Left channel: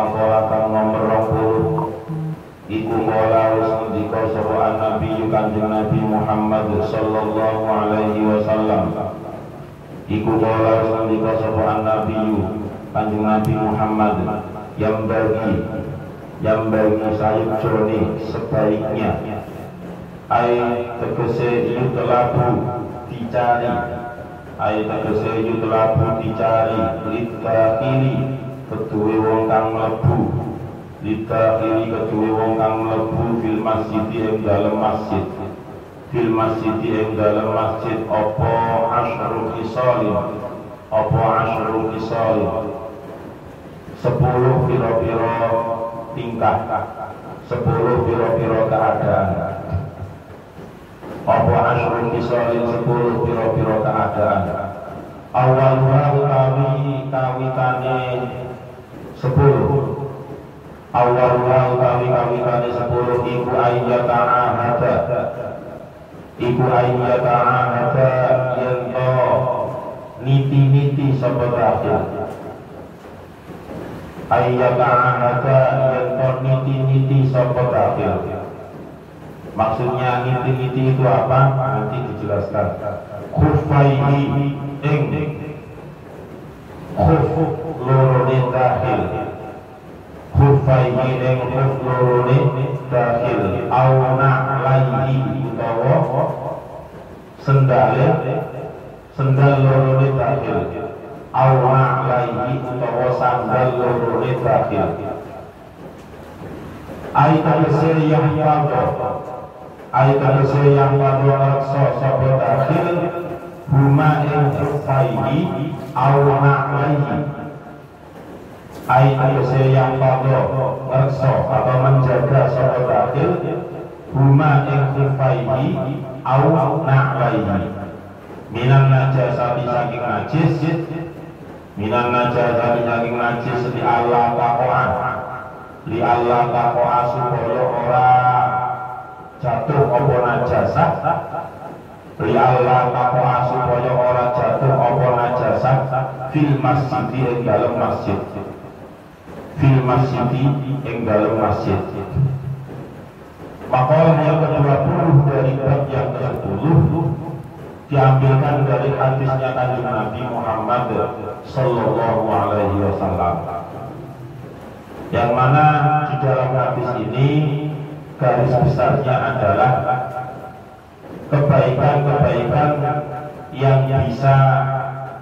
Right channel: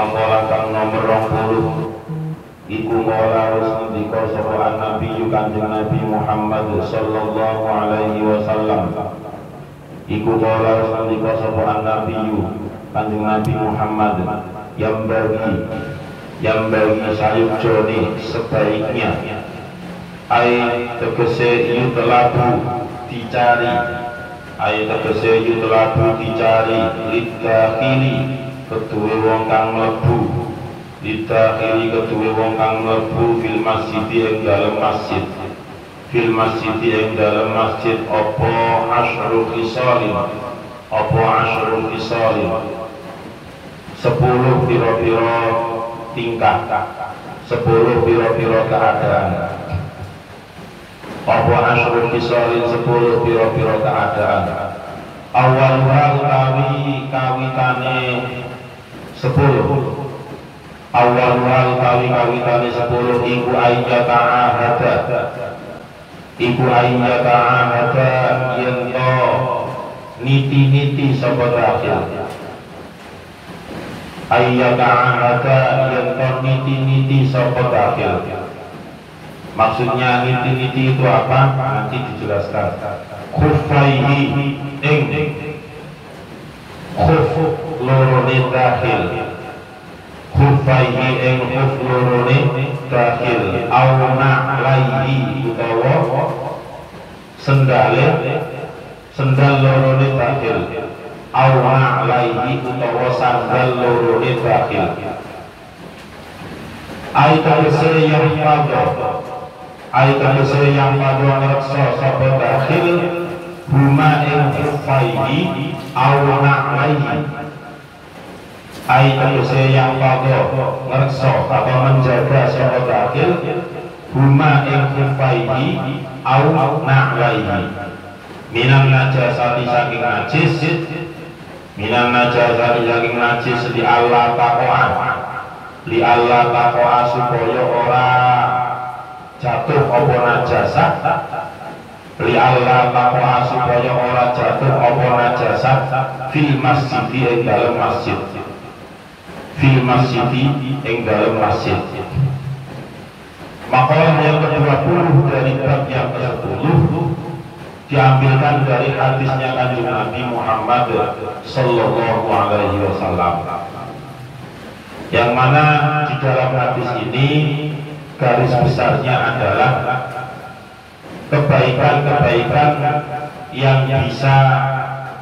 makalah kang nomor 20 iku mula wis ngendika sapa Nabi Kanjeng Nabi Muhammad sallallahu alaihi wasallam. Iku mula wis ngendika sapa Nabi Kanjeng Nabi Muhammad yang bagi sayup joni sebaiknya tegese dicari lidakili kedua wong kang mlebu fil masjid ing dalem masjid apa asyrul khisalin 10 pira-pira tingkah 10 pira-pira keadaan apa asyrul khisalin 10 pira-pira keadaan awal kawitane 10 iku ayyaka ahada yento niti sapa dakhil ayyaka ahada yento niti sapa dakhil. Maksudnya niti itu apa? Nanti dijelaskan. Khufaihi ing khuf lorone dakhil khufaihi ing khuf lorone dakhil auna laihi utawa sendal lorone dakhil auna laihi utawa sandal lorone dakhil. Aitan yang pada ngerasa sapa dakhil huma ing khufaihi auna laihi. Aitan yang pada ngerasa atau menjaga sapa dakhil huma ing khufaihi auna laihi minan najasati saking najis li Allah taqwa supaya ora jatuh apa najasah fil masjid ing dalam masjid. Makalah yang ke-20 dari bab yang ke-10 diambilkan dari hadisnya Kanjeng Nabi Muhammad sallallahu alaihi wasallam, yang mana di dalam hadis ini garis besarnya adalah kebaikan-kebaikan yang bisa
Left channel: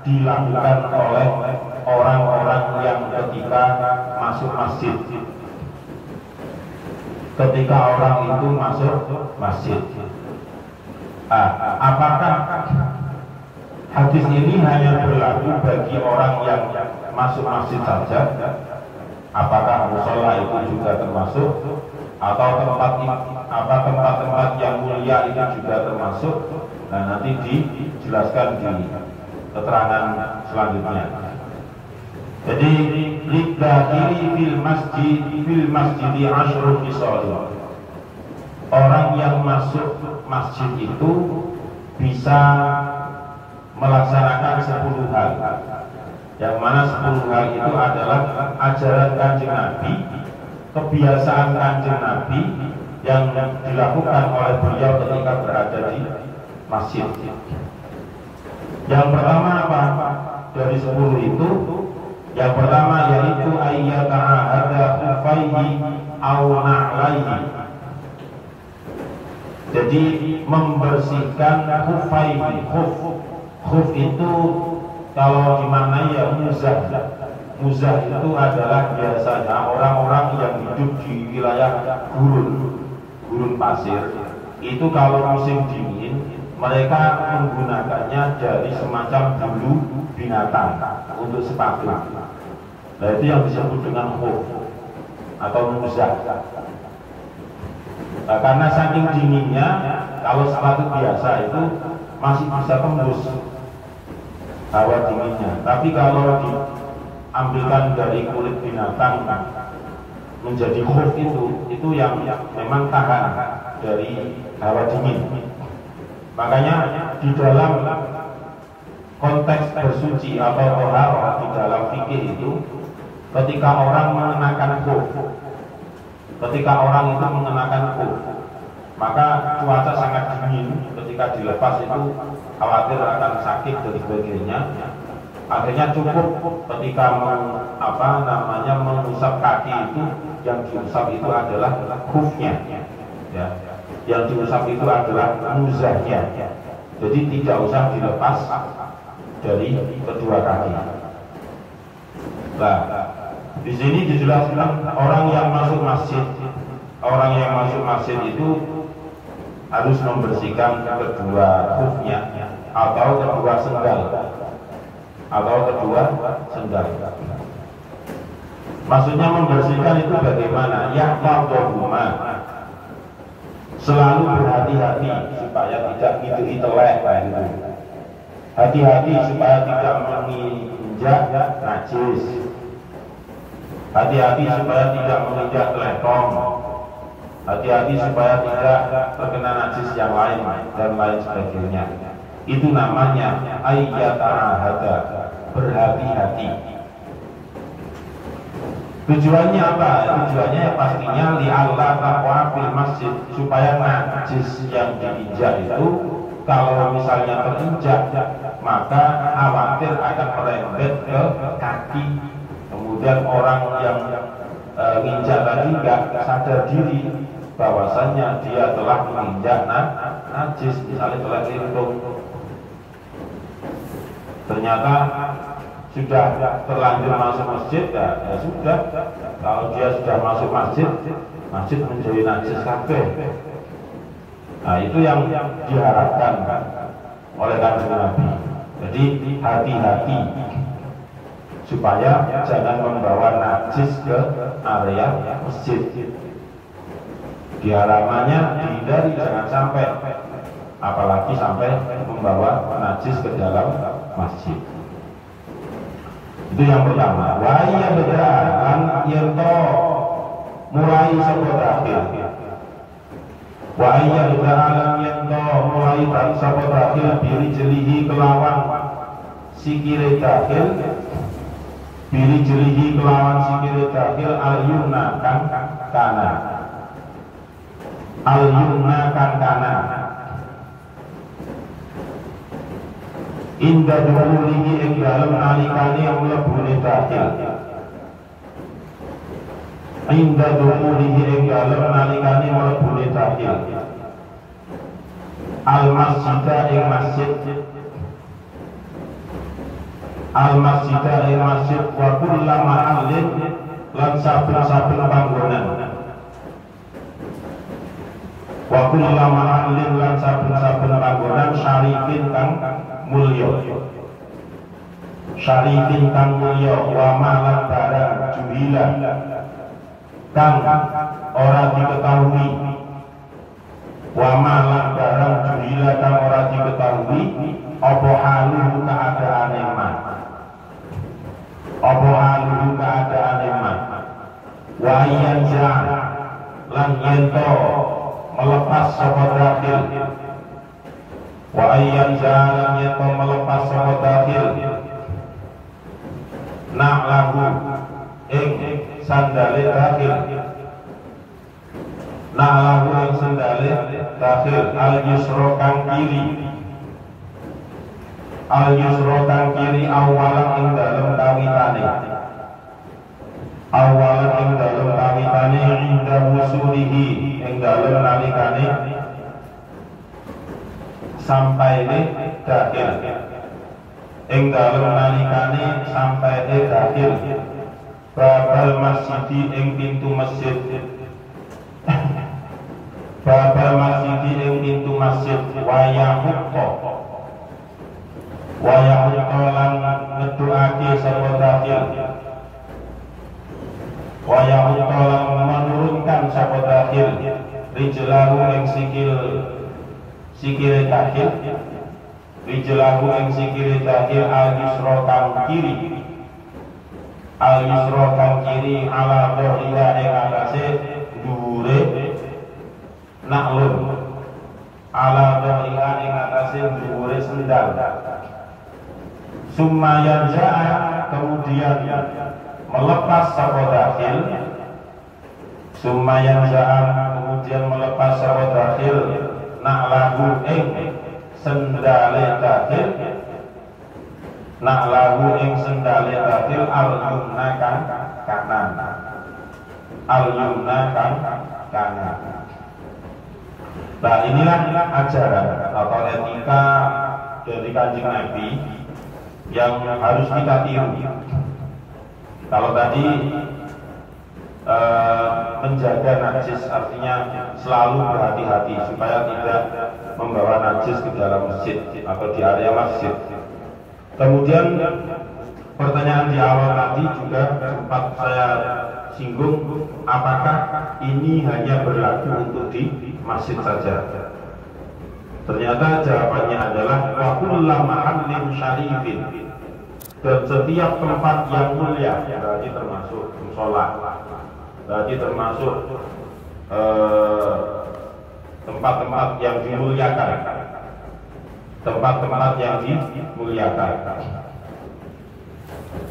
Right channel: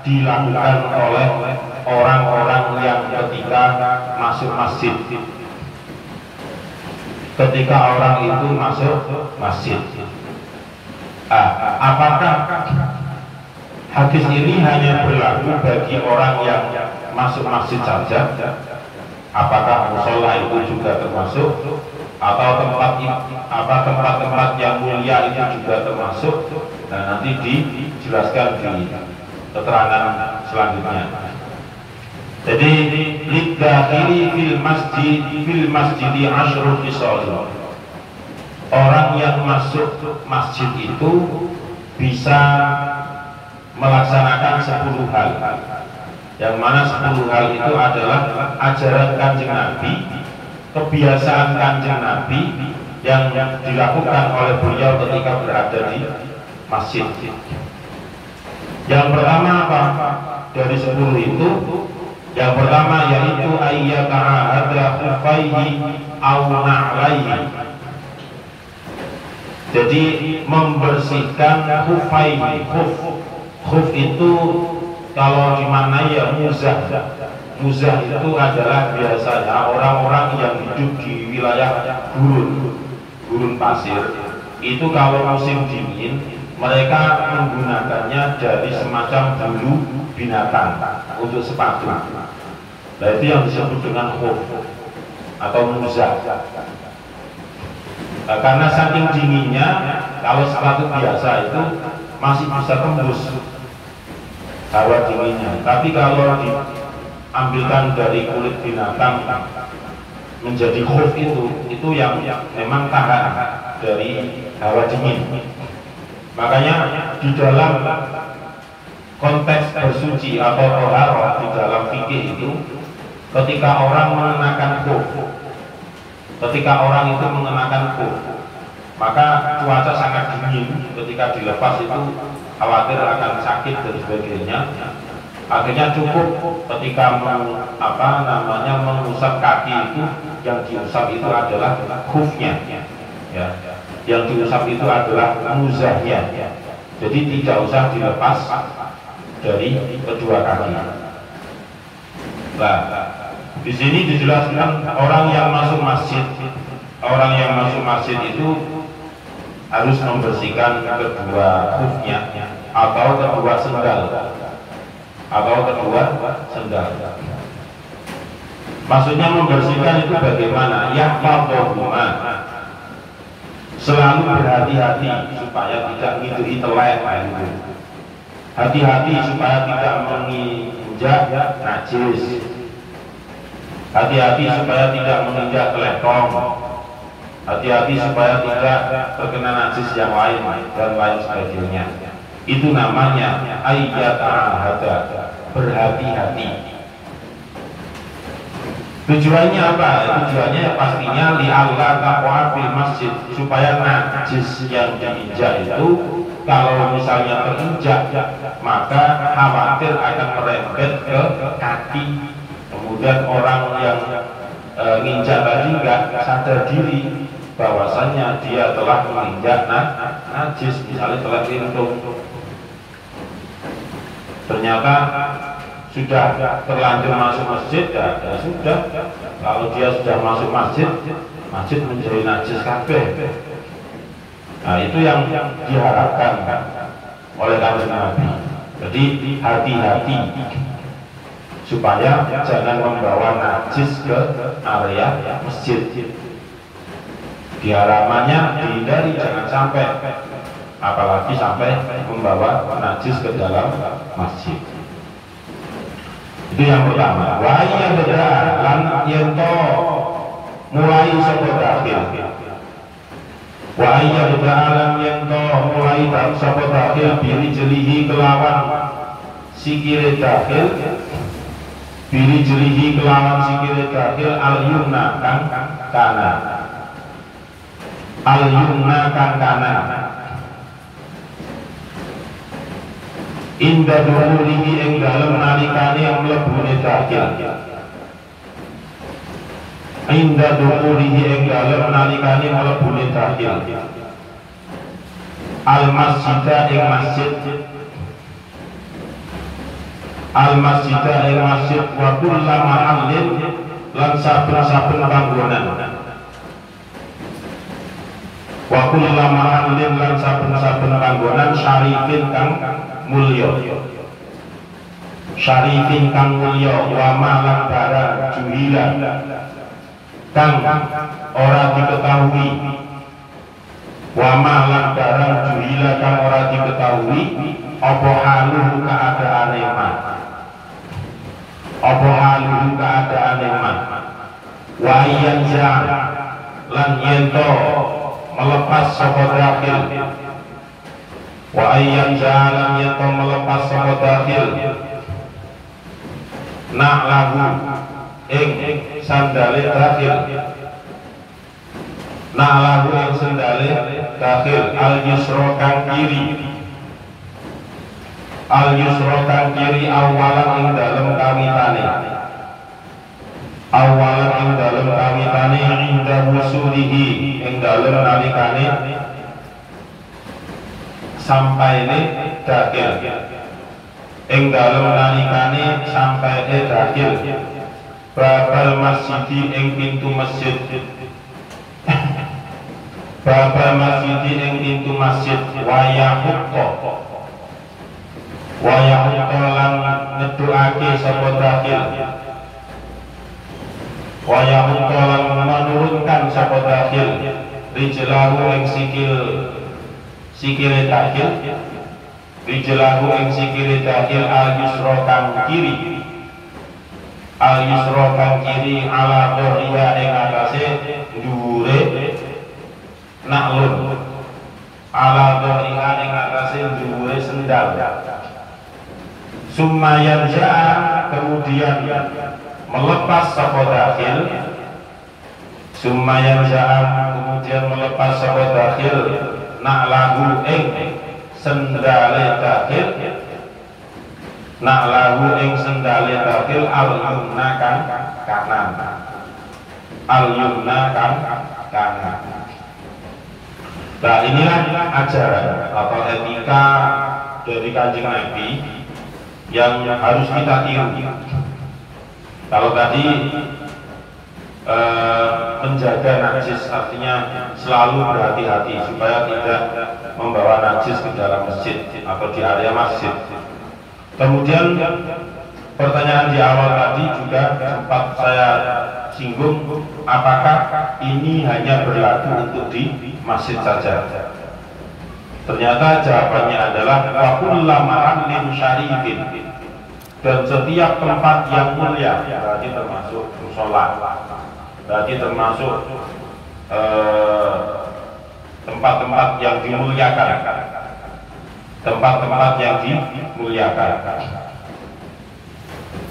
dilakukan oleh orang-orang yang ketika masuk masjid. Ketika orang itu masuk masjid, apakah hadis ini hanya berlaku bagi orang yang masuk masjid saja? Apakah mushola itu juga termasuk? Atau tempat-tempat yang mulia itu juga termasuk? Nah, nanti dijelaskan di keterangan selanjutnya. Jadi lidakili fil masjidi asyrul khisal. Orang yang masuk masjid itu bisa melaksanakan 10 hal, yang mana 10 hal itu adalah ajaran Kanjeng Nabi, kebiasaan Kanjeng Nabi yang dilakukan oleh beliau ketika berada di masjid. Yang pertama apa? Dari 10 itu, yang pertama yaitu ayyaka ahada khufaihi aw na'laihi. Jadi membersihkan khufaihi. Khuf itu kalau dimaknai ya muzah. Muzah itu adalah biasanya orang-orang yang hidup di wilayah gurun pasir. Itu kalau musim dingin mereka menggunakannya dari semacam bulu binatang untuk sepatu. Nah, itu yang disebut dengan khuf atau muzah. Nah, karena saking dinginnya, kalau sepatu biasa itu masih bisa tembus hawa dinginnya. Tapi kalau diambilkan dari kulit binatang menjadi khuf itu yang memang tahan dari hawa dingin. Makanya di dalam konteks bersuci atau toharoh di dalam fikih itu ketika orang mengenakan khuf, ketika orang itu mengenakan khuf, maka cuaca sangat dingin, ketika dilepas itu khawatir akan sakit dan sebagainya. Akhirnya cukup ketika mengusap kaki itu, yang diusap itu adalah khufnya, ya. Yang diusap itu adalah muzahnya. Jadi tidak usah dilepas dari kedua kaki. Nah, di sini dijelaskan orang yang masuk masjid itu harus membersihkan kedua khufnya atau kedua sendal. Maksudnya membersihkan itu bagaimana? Yahfadhuhuma, selalu berhati-hati supaya tidak telek. Hati-hati supaya tidak menginjak najis. Hati-hati supaya tidak menginjak letong. Hati-hati supaya tidak terkena najis yang lain dan lain sebagainya. Itu namanya ayyata'ahada, berhati-hati. Tujuannya apa? Tujuannya pastinya li'alla taqwa fil masjid, supaya najis yang diinjak itu kalau misalnya terinjak maka khawatir akan merembet ke kaki. Kemudian orang yang nginjak tadi nggak sadar diri bahwasannya dia telah menginjak najis, misalnya telah lintung. Ternyata sudah terlanjur masuk masjid, ya sudah. Kalau dia sudah masuk masjid menjadi najis kabeh. Nah, itu yang diharapkan oleh Kanjeng Nabi. Jadi hati-hati supaya jangan membawa najis ke area masjid. Diarahannya dihindari, jangan sampai, apalagi sampai membawa najis ke dalam masjid. Itu yang pertama. Wa iya bedah lan yento mulai saka dakhil. Wa iya bedah lan yento mulai saka dakhil biri jelihi kelawan sikile dakhil. Biri jelihi kelawan sikile dakhil al-yumna kang kanan. Al-yumna kang kanan. Inda duhulihi ing dalem nalikane mlebune dakhil. Inda duhulihi ing dalem nalikane mlebune dakhil. Al-masjidah ing masjid. Al-masjidah ing masjid wa kulla mahallin lan saben-saben panggonan. Wa kulla mahallin lan saben-saben panggonan syarifin kang mulya, syarifin kang mulya, wa malam barang juhila kang ora diketahui, wa malam barang juhila kang ora diketahui apa haluhu keadaane man, apa haluhu keadaane man, wa yanza lan yento melepas sapa dakhil, wa ayyan jalan yaitu melepas sapa dakhil nak lagu ing sandale dakhil, nak lagu ing sandale dakhil al yusra kang kiri, al yusra kang kiri awalan ing dalem kawitane, awalan ing dalem kawitane inda wusulihi ing dalem nalikane sampai ini dakhil, ing dalem nalikane sampai dakhil, babal masjid ing pintu masjid, babal masjid ing pintu masjid, wayahukko lan ngeduake sapa dakhil, wayahukko lan menurunkan sapa dakhil, rijlahu ing sikile dakhil, rijlahu ing sikile dakhil al-yusra kang kiri, al-yusra kang kiri ala dhuriya ing atase dhuwure naklun, ala dhuriya ing atase dhuwure sendal. Summa yarja, kemudian melepas sapa dakhil, sumayan ja'an kemudian melepas sapa dakhil na'lahu ing sendale dakhil, na'lahu ing sendale dakhil al-yumna kang kanan, al-yumna kang kanan. Nah inilah ajaran atau etika dari Kanjeng Nabi yang harus kita tiru. Kalau tadi menjaga najis artinya selalu berhati-hati supaya tidak membawa najis ke dalam masjid atau di area masjid. Kemudian pertanyaan di awal tadi juga sempat saya singgung, apakah ini hanya berlaku untuk di masjid saja? Ternyata jawabannya adalah wa kullu mahallin syarifin, dan setiap tempat yang mulia, berarti termasuk musola, berarti termasuk tempat-tempat yang dimuliakan, tempat-tempat yang dimuliakan.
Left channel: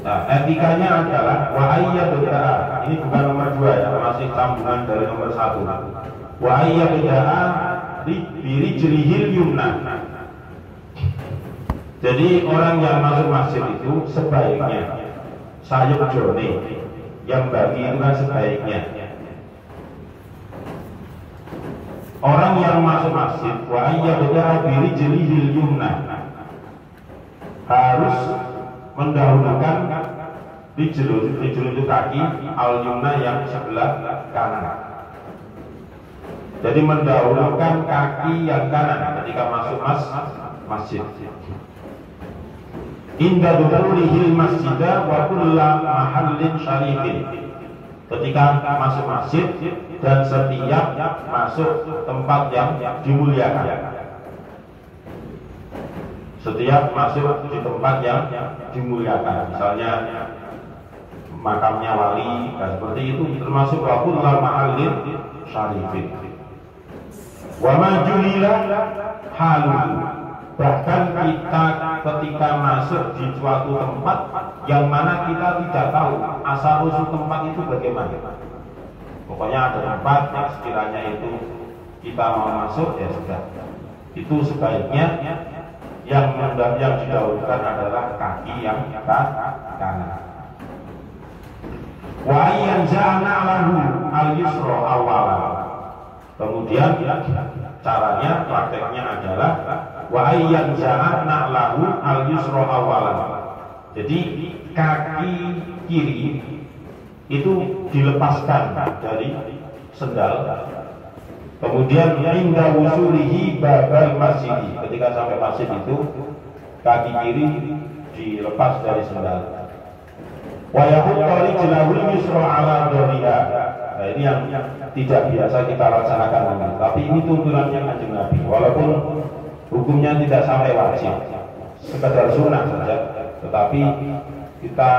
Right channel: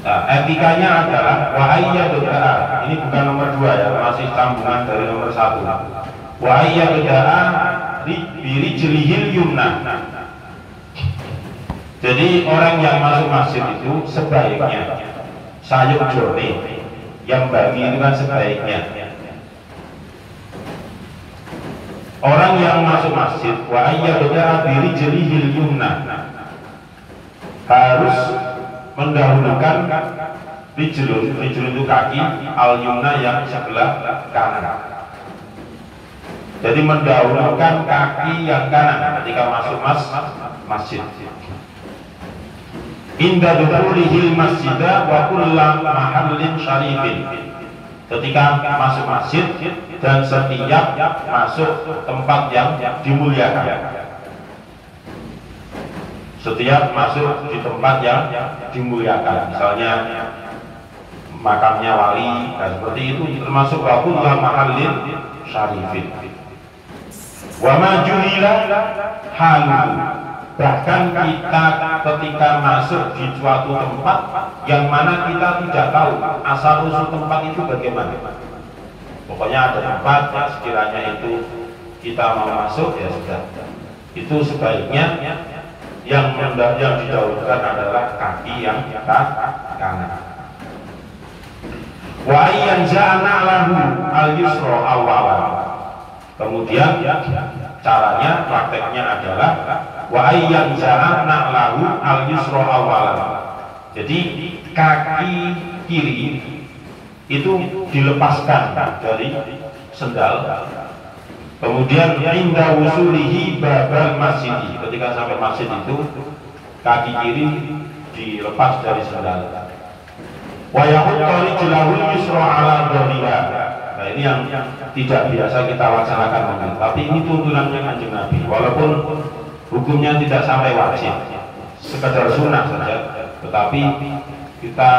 Nah, etikanya adalah wa ayyad'a, ini bukan nomor 2 ya, masih sambungan dari nomor 1. Wa ayyad'a birijlihil yumna. Jadi orang yang masuk masjid itu sebaiknya sayup jone, yang bagi itu kan sebaiknya. Orang yang masuk masjid wa ayyad'a birijlihil yumna harus mendahulukan rijlun itu kaki, al-yumna yang sebelah kanan. Jadi mendahulukan kaki yang kanan ketika masuk masjid. Inda dukhulihi masjidah wa kullu mahallin syarifin. Ketika masuk masjid dan setiap masuk tempat yang dimuliakan. Setiap masuk di tempat yang dimuliakan, misalnya makamnya wali, seperti itu termasuk wa kullu mahallin syarifin. Wa ma juhila halu, bahkan kita ketika masuk di suatu tempat yang mana kita tidak tahu asal usul tempat itu bagaimana. Pokoknya ada tempat yang sekiranya itu kita mau masuk, ya sudah, itu sebaiknya yang didahulukan adalah kaki yang kanan. Wa yanza'na lahu al-yusra awwalan. Kemudian caranya, prakteknya adalah wa yanza'na lahu al-yusra awwalan. Jadi kaki kiri itu dilepaskan dari sendal. Kemudian inda wusulihi babal masjid, ketika sampai masjid itu kaki kiri dilepas dari sendal. Wa yahuttu rijlahul yusra ala dhahriha. Nah ini yang tidak biasa kita laksanakan, tapi ini tuntunannya Kanjeng Nabi. Walaupun hukumnya tidak sampai wajib, sekedar sunnah saja, tetapi kita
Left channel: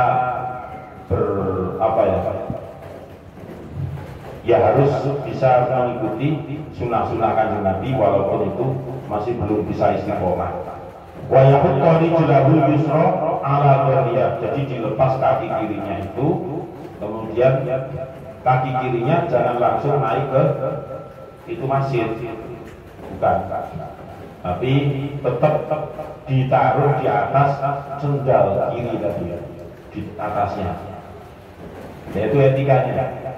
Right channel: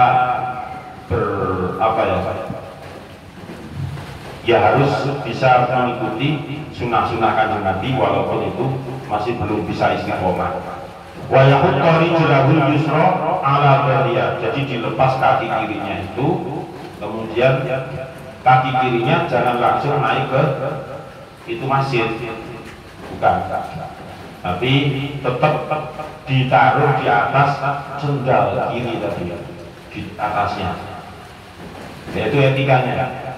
harus bisa mengikuti sunnah-sunnah Kanjeng Nabi walaupun itu masih belum bisa istiqomah. Wa yahuttu rijlahul yusra ala dhahriha. Jadi dilepas kaki kirinya itu, kemudian kaki kirinya jangan langsung naik ke itu masjid, bukan, tapi tetap ditaruh di atas sendal kiri tadi, di atasnya. Itu etikanya.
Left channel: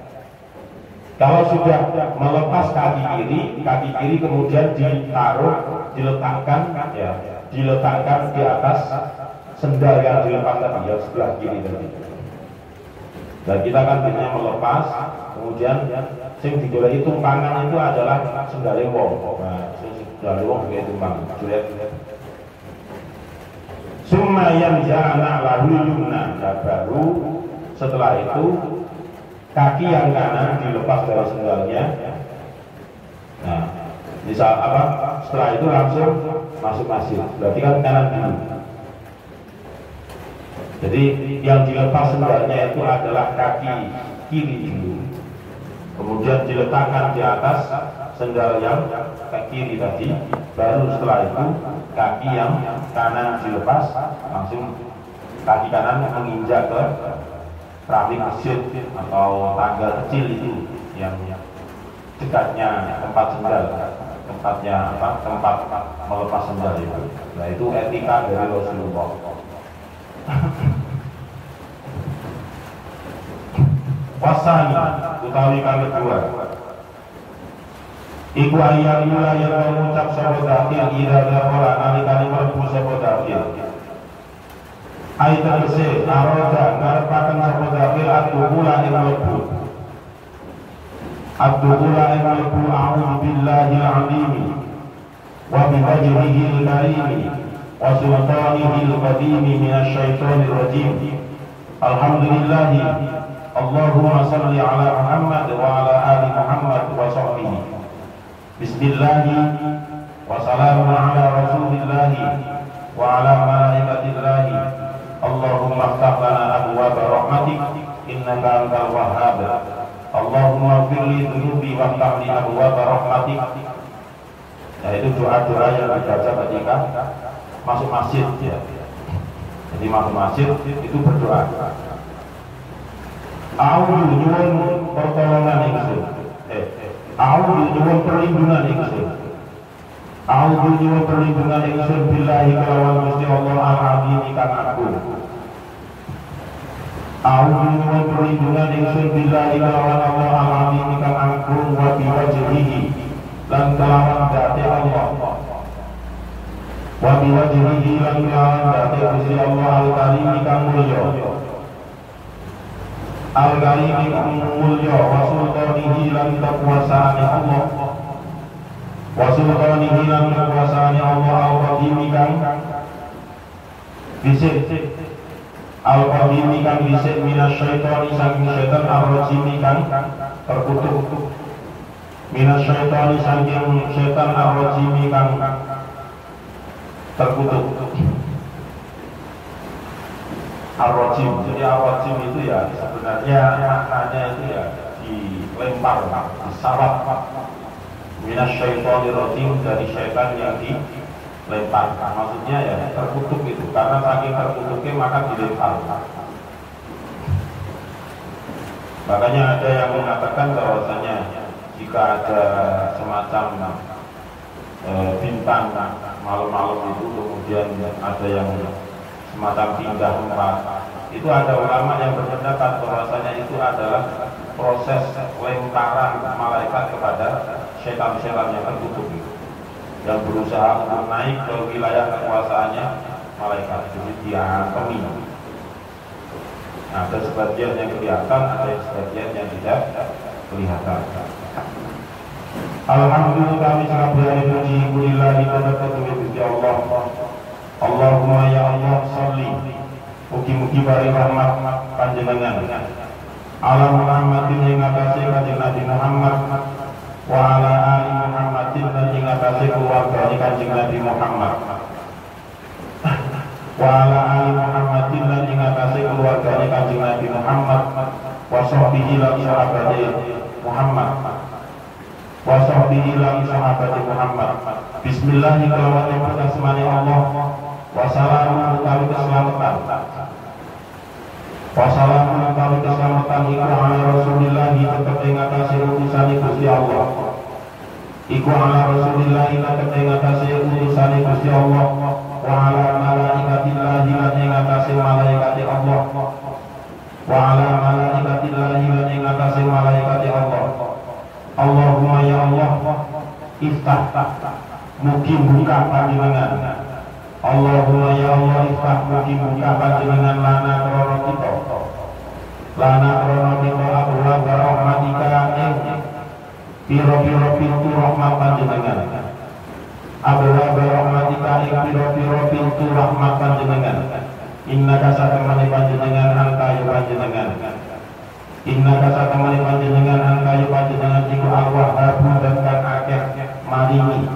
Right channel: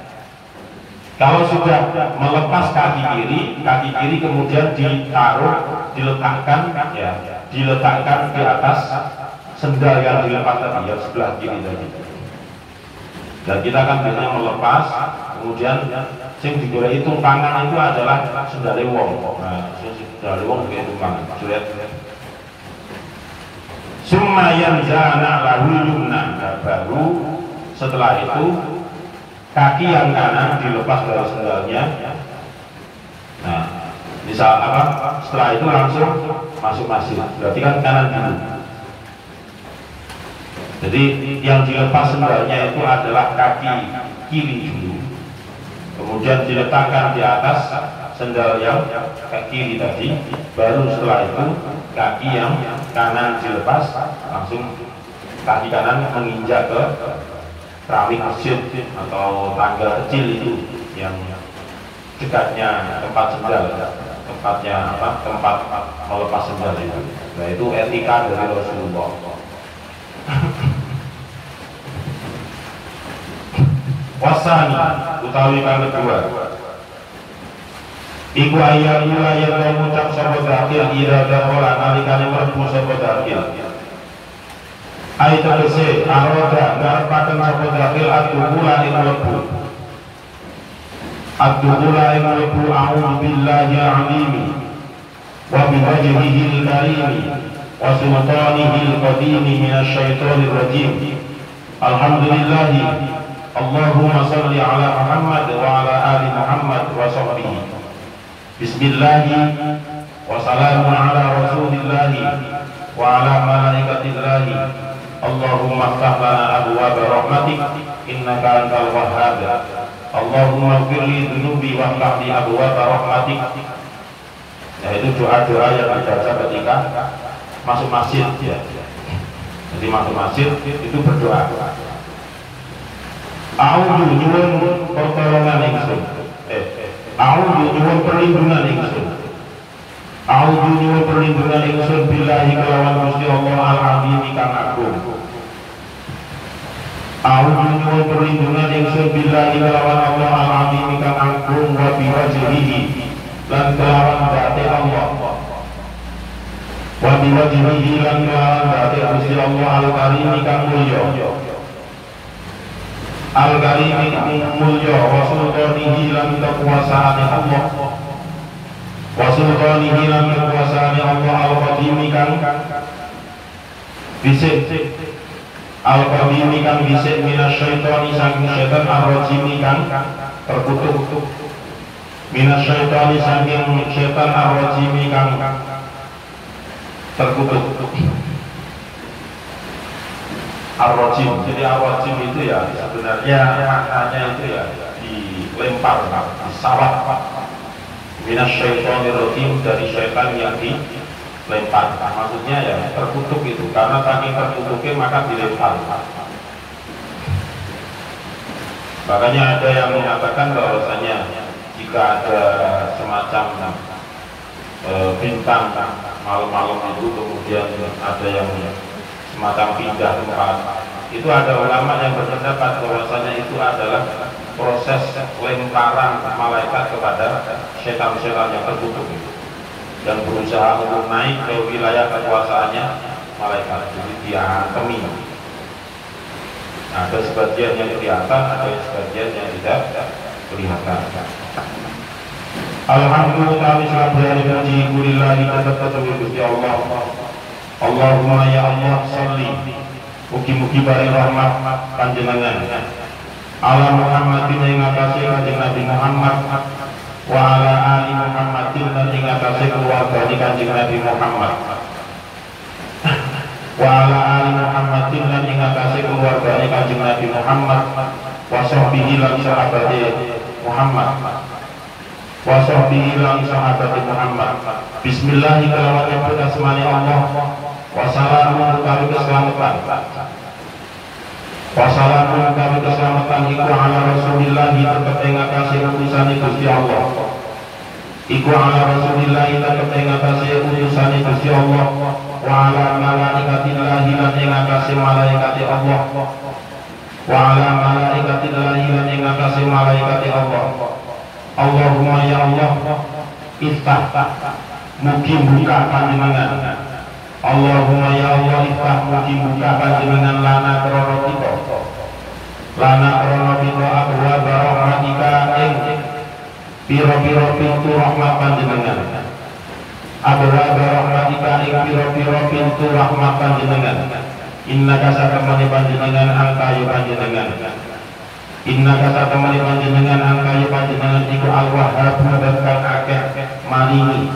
Kalau sudah melepas kaki kiri kemudian diletakkan di atas sendal yang dilepas tadi, yang sebelah kiri tadi. Dan kita kan biasanya melepas, kemudian yang digoreng tumpangan itu adalah sendal wong. Nah, sendal wong kayak tumpangan, julet. Summa yanza'na lahu yumna, baru setelah itu kaki yang kanan dilepas dari sendalnya. Nah, misal setelah itu langsung masuk masjid, berarti kan kanan dulu. Jadi yang dilepas sendalnya itu adalah kaki kiri dulu, kemudian diletakkan di atas sendal yang kaki kiri tadi, baru setelah itu kaki yang kanan dilepas, langsung kaki kanan menginjak ke keramik masjid atau tangga kecil itu yang dekatnya tempat sendal, tempatnya apa? Tempat melepas sendal itu. Nah itu etika dari Rasulullah. Wasani utawi kang kedua. Iku ayat yang mengucap sapa zakir ira dakhala nalikane mlebu sapa zakir. Ayat tegese aroda ngarepaken sapa zakir adduhula ing mlebu. Adduhula ing mlebu a'udzu billahi alimi wa bi wajhihi al-karimi wa sultanihi al-qadimi minasy syaithanir rajim. Alhamdulillah. Allahumma salli ala Muhammad wa ala ali Muhammad wa sahbihi. Bismillah wa salamun ala rasulillah wa ala malaikatillahi. Allahumma ftah lana abwaaba rahmatik innaka antal wahhab. Allahumma ighfir li dhunubi wa ftah li abwaaba rahmatik. Nah itu doa-doa yang dibaca ketika masuk masjid ya. Jadi masuk masjid itu berdoa. A'udzu nyuwun pertolongan ingsun. A'udzu nyuwun perlindungan ingsun. A'udzu nyuwun perlindungan ingsun billahi kelawan Gusti Allah al-Azim kang agung. A'udzu nyuwun perlindungan ingsun billahi kelawan Allah al-Azim kang agung wa bi wajhihi lan kelawan zati Allah. Wa bi wajhihi lan kelawan zati Gusti Allah al-Karim kang mulya. Al-Karim mulya wa sultanihi lan kekuasaane Allah. Wa sultanihi lan kekuasaane Allah al-Qadim kang bisik. Al-Qadim kang bisik minasyaitani saking setan ar-rajim kang terkutuk. Minasyaitani saking setan ar-rajim kang terkutuk. Ar-rajim, jadi ar-rajim itu ya sebenarnya maknanya itu ya dilempar, disalap. Minasyaitonir rajim, dari syaitan yang dilempar. Maksudnya ya terkutuk itu, karena saking terkutuknya maka dilempar. Makanya ada yang mengatakan bahwasanya jika ada semacam bintang malam-malam itu kemudian ada yang semacam pindah tempat, itu ada ulama yang berpendapat bahwasanya itu adalah proses lemparan malaikat kepada setan-setan yang terkutuk dan berusaha untuk naik ke wilayah kekuasaannya malaikat, jadi diantemi. Nah, ada sebagian yang kelihatan, ada sebagian yang tidak kelihatan. Alhamdulillah kami sahabat puji kulillahi tetap Gusti Allah. Allahumma ya Allah salli mugi-mugi bari rahmat panjenengan ala Muhammadin ing atase kanjeng Nabi Muhammad wa ala ali Muhammadin lan ing atase keluarga kanjeng Nabi Muhammad wa ala ali Muhammadin lan ing atase keluarga kanjeng Nabi Muhammad wa sahbihi lan sahabate Muhammad wa sahbihi lan sahabate Muhammad. Bismillah kelawan nyebut asmane Allah. Wassalamu kami keselamatan. Wassalamu kami keselamatan iku ala Rasulillah tetep ing atase utusane Gusti Allah. Iku ala Rasulillah tetep ing atase utusane Gusti Allah. Wa ala malaikatillah lan ing atase malaikate Allah. Wa ala malaikatillah lan ing atase malaikate Allah. Allahumma ya Allah iftah mugi buka panjenengan. Allahumma ya Allah iftah mugi buka panjenengan lana krana kita. Lana krana kita abwaab rahmatika ing pira-pira pintu rahmat panjenengan. Abwaab rahmatika ing pira-pira pintu rahmat panjenengan. Innaka satamani panjenengan angkayu panjenengan. Innaka satamani panjenengan angkayu panjenengan iku al-Wahhab dan kang akeh maringi.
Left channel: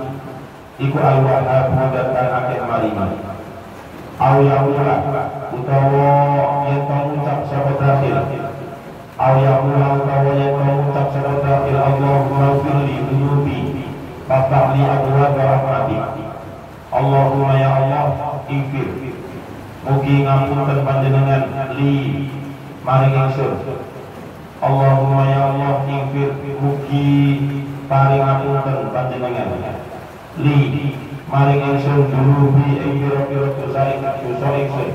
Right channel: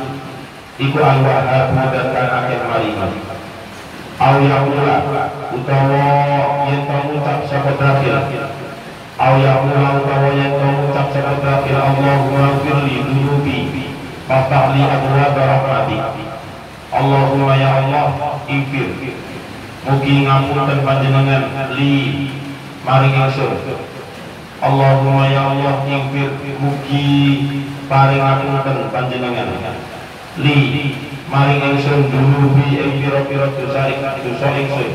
Iku al-Wahhab dan kang akeh maringi. Aw yaqula utawa yen to ngucap sapa dakil. Aw yaqula utawa yen to ngucap sapa dakil Allahumma firli dunubi faftah li abwaab rahmatik. Allahumma ya Allah infir mugi ngapunten panjenengan li maring ingsun. Allahumma ya Allah ighfir mugi paring ngapunten panjenengan li maring ingsun dunubi ing pira-pira dosa ingsun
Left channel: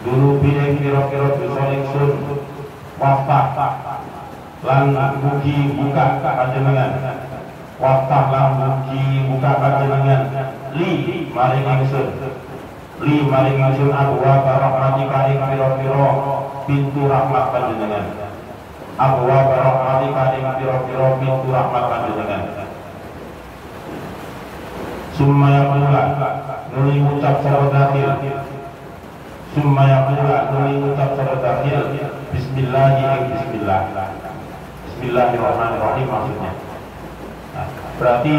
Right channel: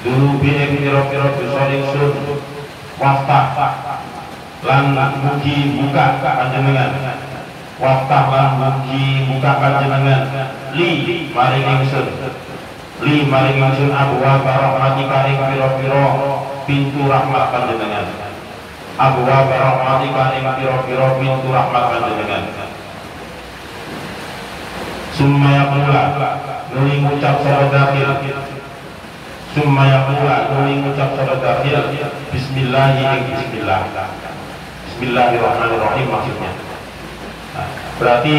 dunubi ing pira-pira dosa ingsun waftah lan mugi buka panjenengan waftah lan mugi buka panjenengan li maring ingsun abwa rahmati paring pira-pira pintu rahmat panjenengan abwa rahmati paring pira-pira pintu rahmat panjenengan. Sumaya pula nuli ngucap salat dakhil bismillahirrahmanirrahim maksudnya. Nah, berarti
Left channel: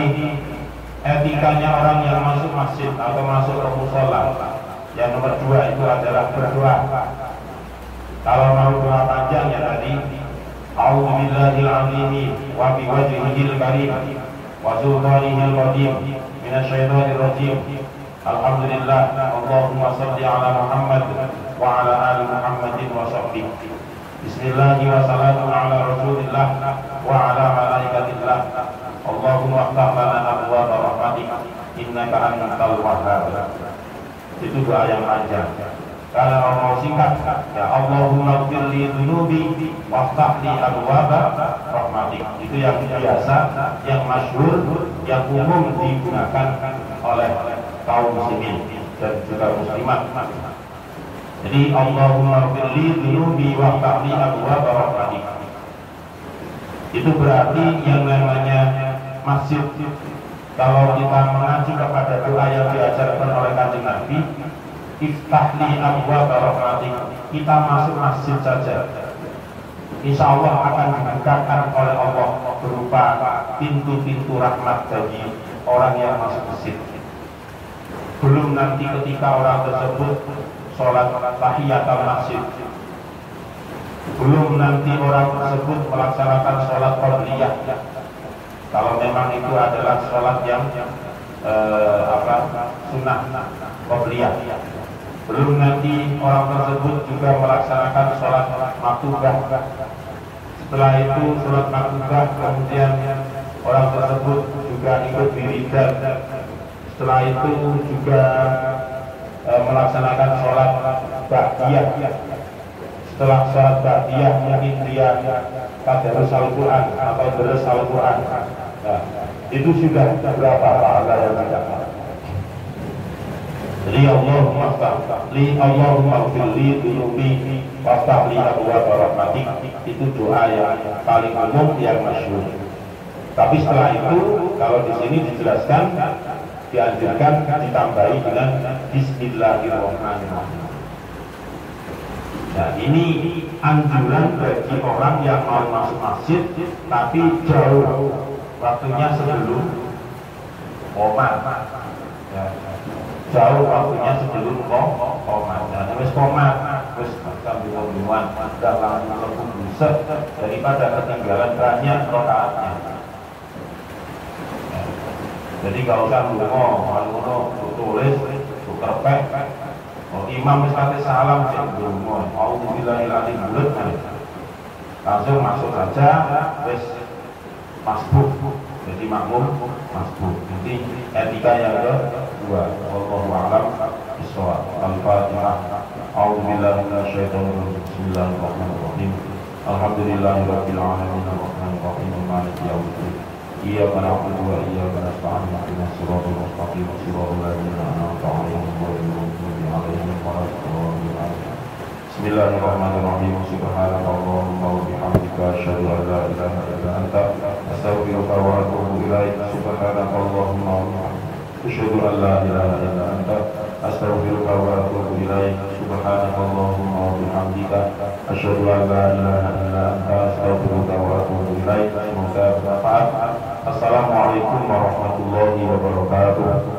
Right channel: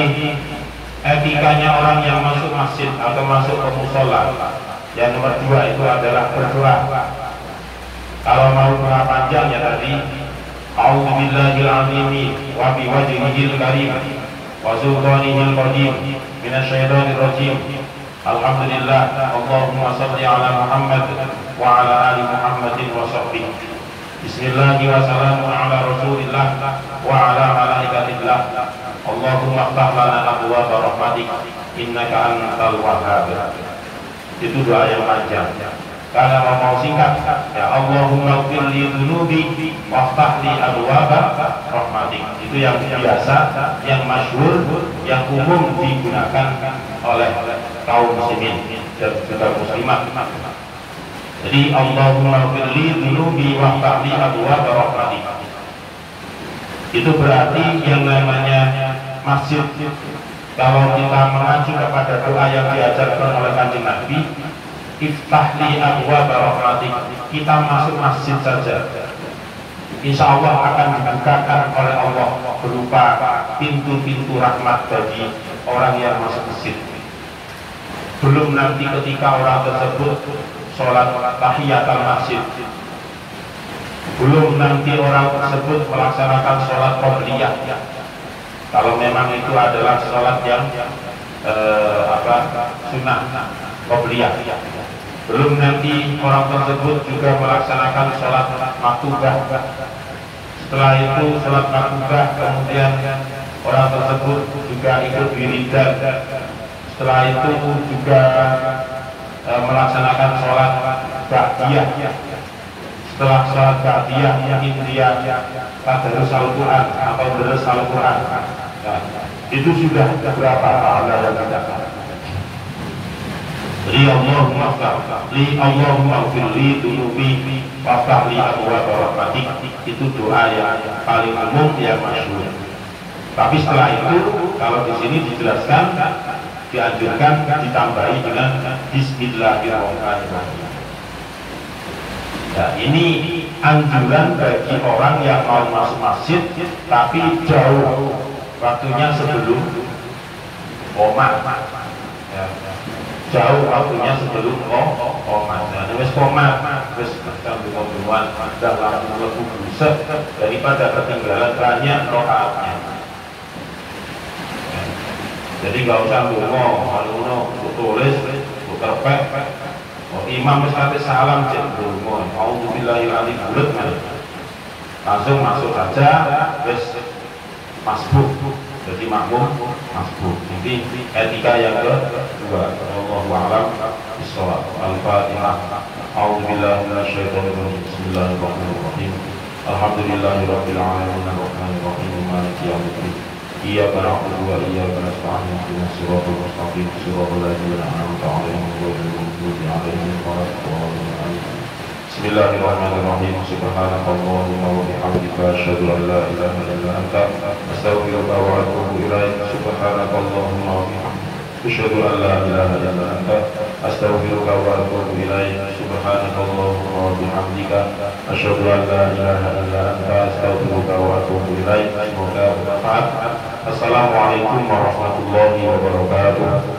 etikanya orang yang masuk masjid atau masuk ke musola yang nomor 2 itu adalah berdoa. Kalau mau doa panjang ya tadi a'udzubillahil azim wa biwajhihil karim wa sultanihil qadim minasyaitonir rajim. Alhamdulillah, Allahumma shalli ala Muhammad wa ala ali Muhammadin wa sahbihi. Bismillahi wa salamun ala Rasulillah wa ala malaikatillah. Allahumma iftah lana abwaaba rahmatik innaka antal wahhab. Itu doa yang panjang. Kalau mau singkat, ya Allahumma ighfir li dzunubi waftah li abwaaba rahmatik. Itu yang biasa, yang masyhur, yang umum digunakan oleh kaum muslimin dan juga muslimat. Jadi Allahumma firli dzunubi waftah li abwaaba rahmatik. Itu berarti yang namanya masjid, kalau kita mengacu kepada doa yang diajarkan oleh Kanjeng Nabi, iftah li abwaaba rahmatik, kita masuk masjid saja, insya Allah akan dibukakan oleh Allah berupa pintu-pintu rahmat bagi orang yang masuk masjid. Belum nanti ketika orang tersebut sholat tahiyatul masjid, belum nanti orang tersebut melaksanakan sholat qobliyah, kalau memang itu adalah sholat yang sunnah qobliyah. Belum nanti orang tersebut juga melaksanakan sholat maktubah. Setelah itu sholat maktubah, kemudian orang tersebut juga ikut wiridan. Setelah itu juga melaksanakan sholat ba'diyah. Setelah sholat ba'diyah mungkin dia tadarus Al-Quran atau deres Al-Quran. Nah, itu sudah berapa pahala yang kita. Jadi Allahumma firli dunubi waftah li abwaaba rahmatik, itu doa yang paling umum yang masyhur. Tapi setelah itu kalau di sini dijelaskan, dianjurkan ditambahi dengan bismillahirrahmanirrahim. Nah, ini anjuran bagi orang yang mau masuk masjid tapi jauh waktunya sebelum qomat. Ya. Jauh waktunya sebelum qomat. Nah, wis qomat, wis sambil-sambilan udah langsung mlebu buset daripada ketinggalan banyak rakaatnya. Jadi gak usah ngono, tulis, terpek. Imam mesti salam cek ndonga. Auzubillahi minasyaitonir rajim. Langsung masuk saja, wis masbuk. Jadi makmum masbuk. Ini etika yang kedua. Wallahu a'lam bishawab. Al-Fatihah. Auzubillahi minasyaitonir rajim. Bismillahirrahmanirrahim. Alhamdulillahirabbil alamin arrahmanir rahim maliki yaumiddin. Iyyaka na'budu wa iyyaka nasta'in ihdinas siratal mustaqim siratal ladzina an'amta 'alaihim ghairil maghdubi 'alaihim waladdallin. Bismillahirrahmanirrahim. Subhanakallahumma wa bihamdika asyhadu an la ilaha illa anta astaghfiruka wa atubu ilaik. Subhanakallahumma wa bihamdika asyhadu an la ilaha illa anta astaghfiruka wa atubu ilaik. Subhanakallahumma wa bihamdika asyhadu an la ilaha illa anta astaghfiruka wa atubu ilaik. Semoga bermanfaat. Assalamualaikum warahmatullahi wabarakatuh.